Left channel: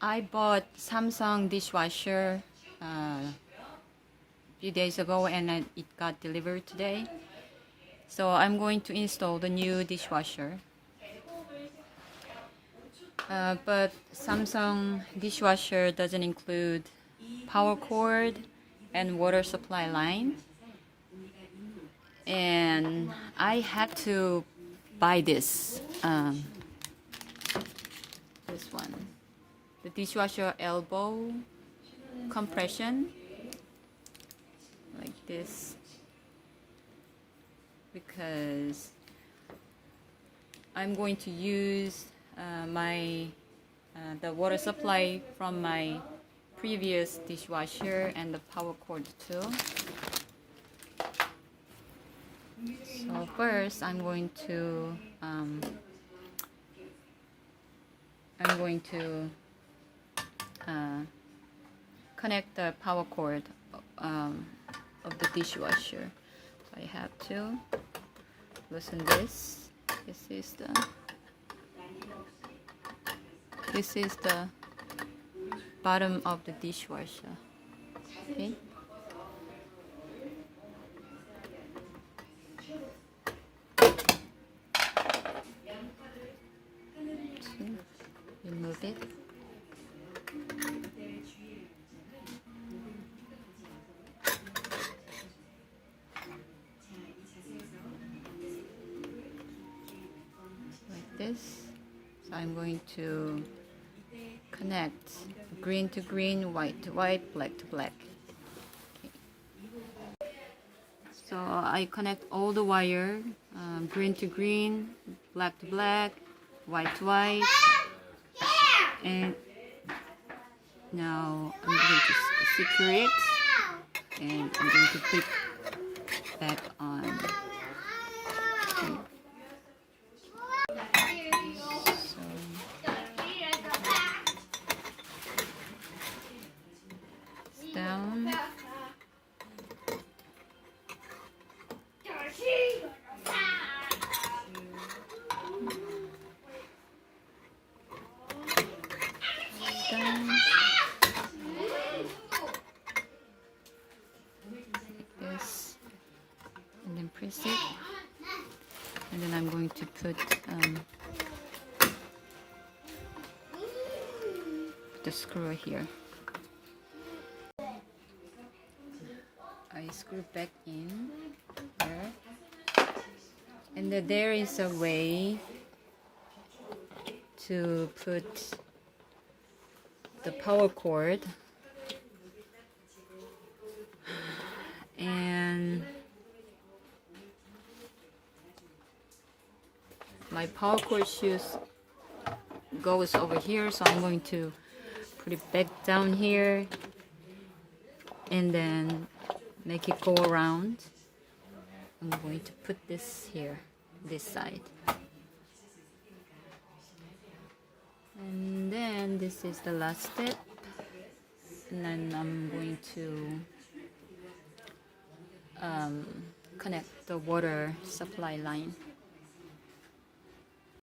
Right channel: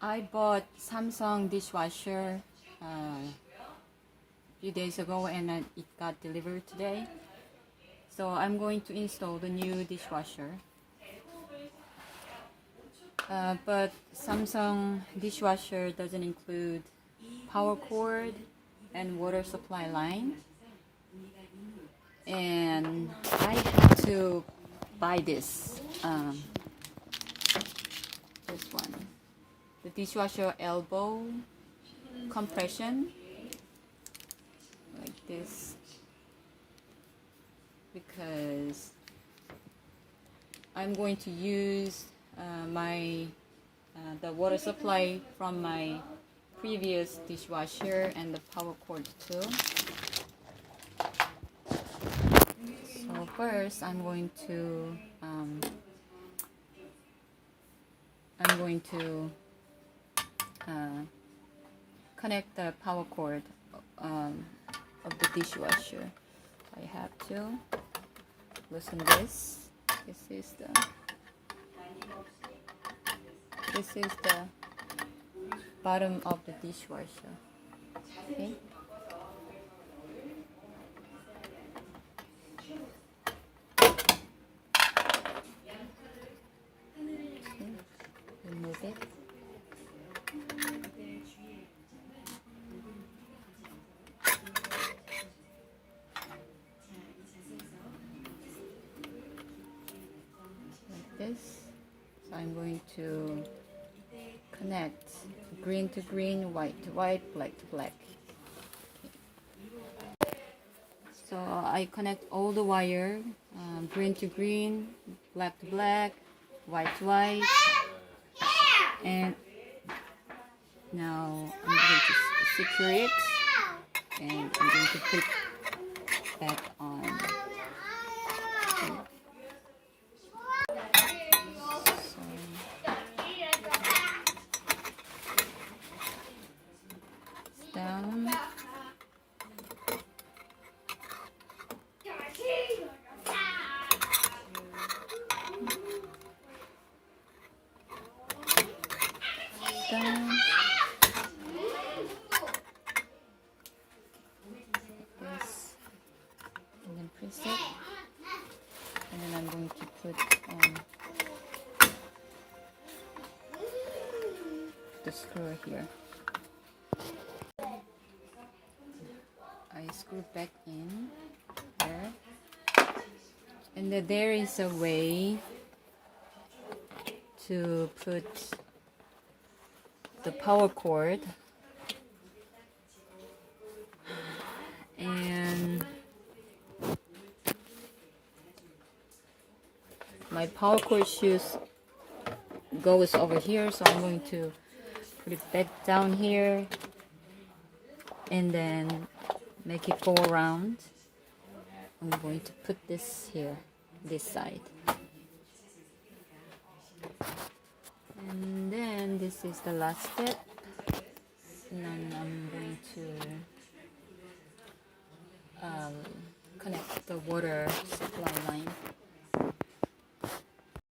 I bought Samsung dishwasher a few days ago, and it got delivered today. So I'm going to install the new dishwasher. But Samsung dishwasher doesn't include power cord and water supply line. And I had to buy this one, the dishwasher elbow compression, like this, because I'm going to use the water supply from my previous dishwasher and the power cord too. So first, I'm going to connect the power cord of the dishwasher. I have to loosen this. This is the bottom of the dishwasher. Okay. Remove it. Like this. So I'm going to connect green to green, white to white, black to black. Okay. So I connect all the wire, green to green, black to black, white to white. And now I'm going to secure it, and I'm going to put it back on. So it's down. Down. Like this, and then press it, and then I'm going to put the screw here. I screw back in there, and then there is a way to put the power cord, and my power cord goes over here, so I'm going to put it back down here and then make it go around. I'm going to put this here, this side. And then this is the last step, and then I'm going to connect the water supply line.